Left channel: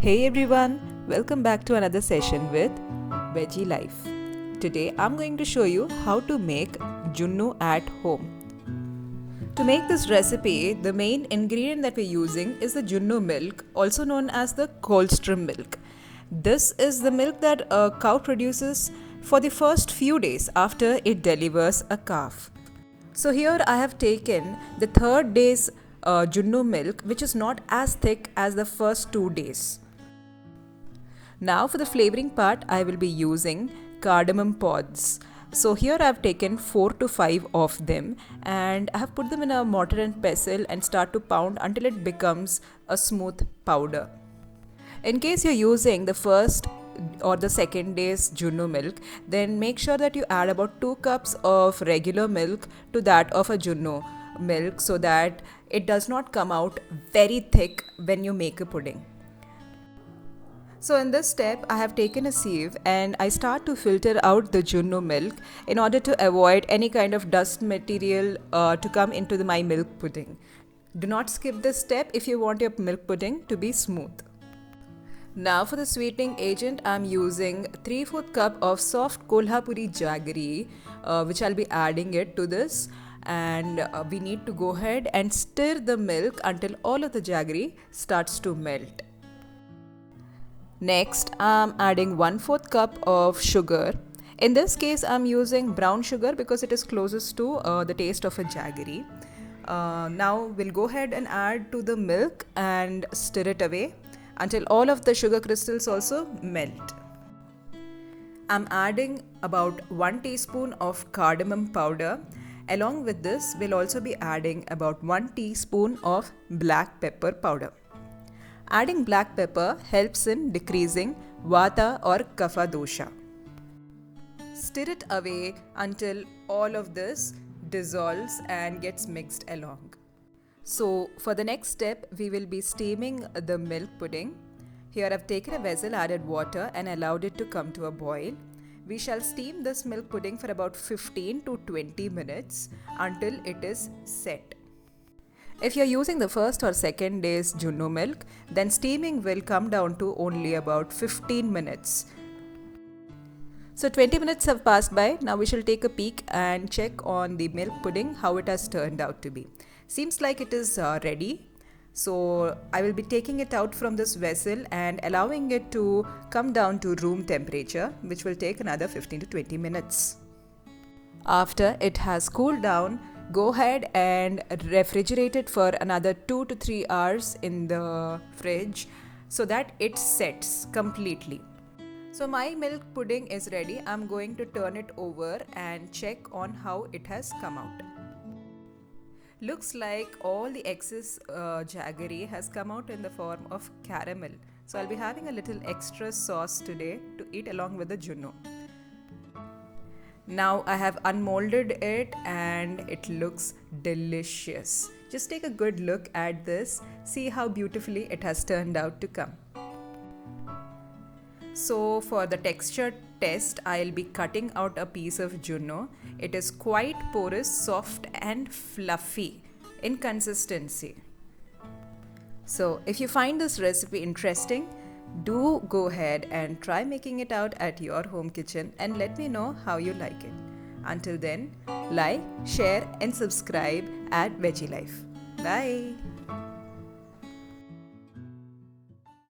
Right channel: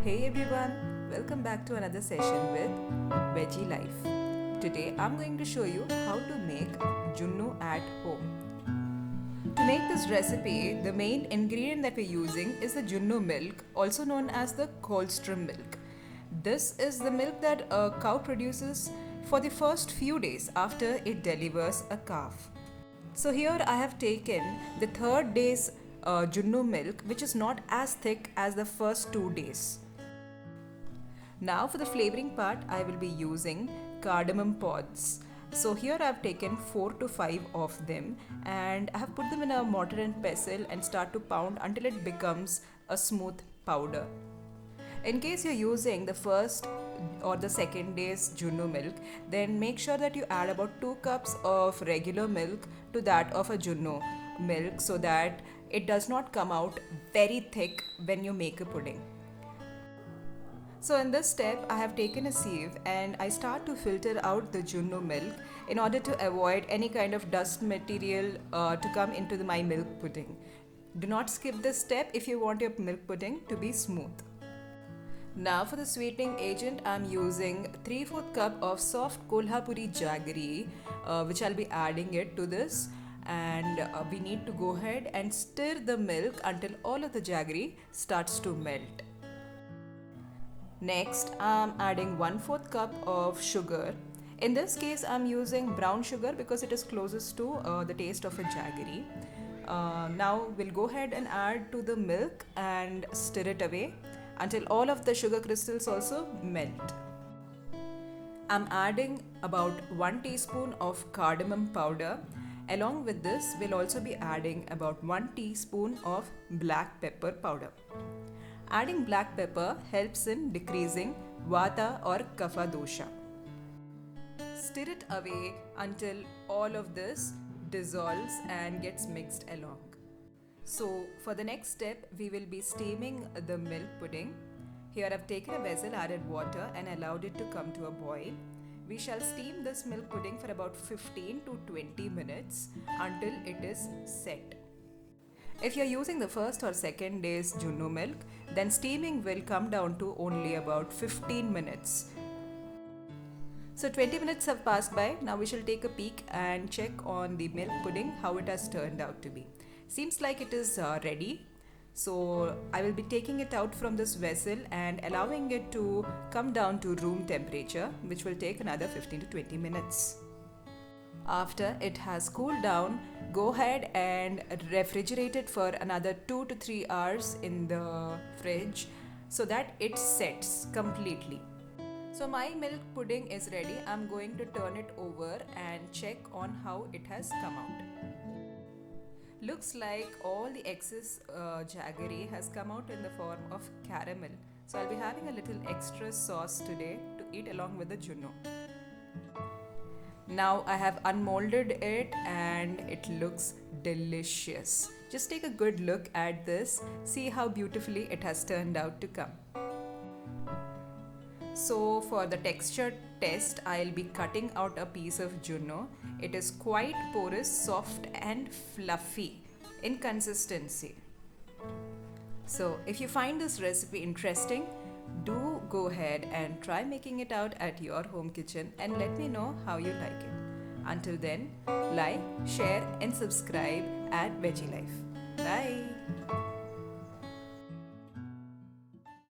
Hey everyone, welcome back to another session with Veggie Life. Today I'm going to show you how to make Junnu at home. To make this recipe, the main ingredient that we're using is the Junnu milk, also known as the Colostrum milk. This is the milk that a cow produces for the first few days after it delivers a calf. So here I have taken the third day's Junnu milk, which is not as thick as the first 2 days. Now for the flavoring part, I will be using cardamom pods. So here I have taken 4 to 5 of them and I have put them in a mortar and pestle and start to pound until it becomes a smooth powder. In case you're using the first or the second day's Junnu milk, then make sure that you add about 2 cups of regular milk to that of a Junnu milk so that it does not come out very thick when you make a pudding. So in this step, I have taken a sieve and I start to filter out the Junnu milk in order to avoid any kind of dust material to come into my milk pudding. Do not skip this step if you want your milk pudding to be smooth. Now for the sweetening agent, I'm using 3/4 cup of soft Kolhapuri jaggery, which I'll be adding it to this. And we need to go ahead and stir the milk until all of the jaggery starts to melt. Next, I'm adding 1/4 cup of sugar. In this case, I'm using brown sugar because it is closest to the taste of a jaggery. Now we'll go ahead and add to the milk and stir it away until all of the sugar crystals also melt. I'm adding about 1 teaspoon of cardamom powder. Along with this, we'll also be adding about 1 teaspoon of black pepper powder. Adding black pepper helps in decreasing vata or kapha dosha. Stir it away until all of this dissolves and gets mixed along. So for the next step, we will be steaming the milk pudding. Here I've taken a vessel, added water and allowed it to come to a boil. We shall steam this milk pudding for about 15 to 20 minutes until it is set. If you're using the first or second day's Junnu milk, then steaming will come down to only about 15 minutes. So 20 minutes have passed by. Now we shall take a peek and check on the milk pudding, how it has turned out to be. Seems like it is ready. So I will be taking it out from this vessel and allowing it to come down to room temperature, which will take another 15 to 20 minutes. After it has cooled down, go ahead and refrigerate it for another 2 to 3 hours in the fridge so that it sets completely. So my milk pudding is ready. I'm going to turn it over and check on how it has come out. Looks like all the excess jaggery has come out in the form of caramel. So I'll be having a little extra sauce today to eat along with the Junnu. Now I have unmolded it and it looks delicious. Just take a good look at this. See how beautifully it has turned out to come. So for the texture test, I'll be cutting out a piece of Junnu. It is quite porous, soft and fluffy in consistency. So if you find this recipe interesting, do go ahead and try making it out at your home kitchen and let me know how you like it. Until then, like, share and subscribe at Veggie Life. Bye.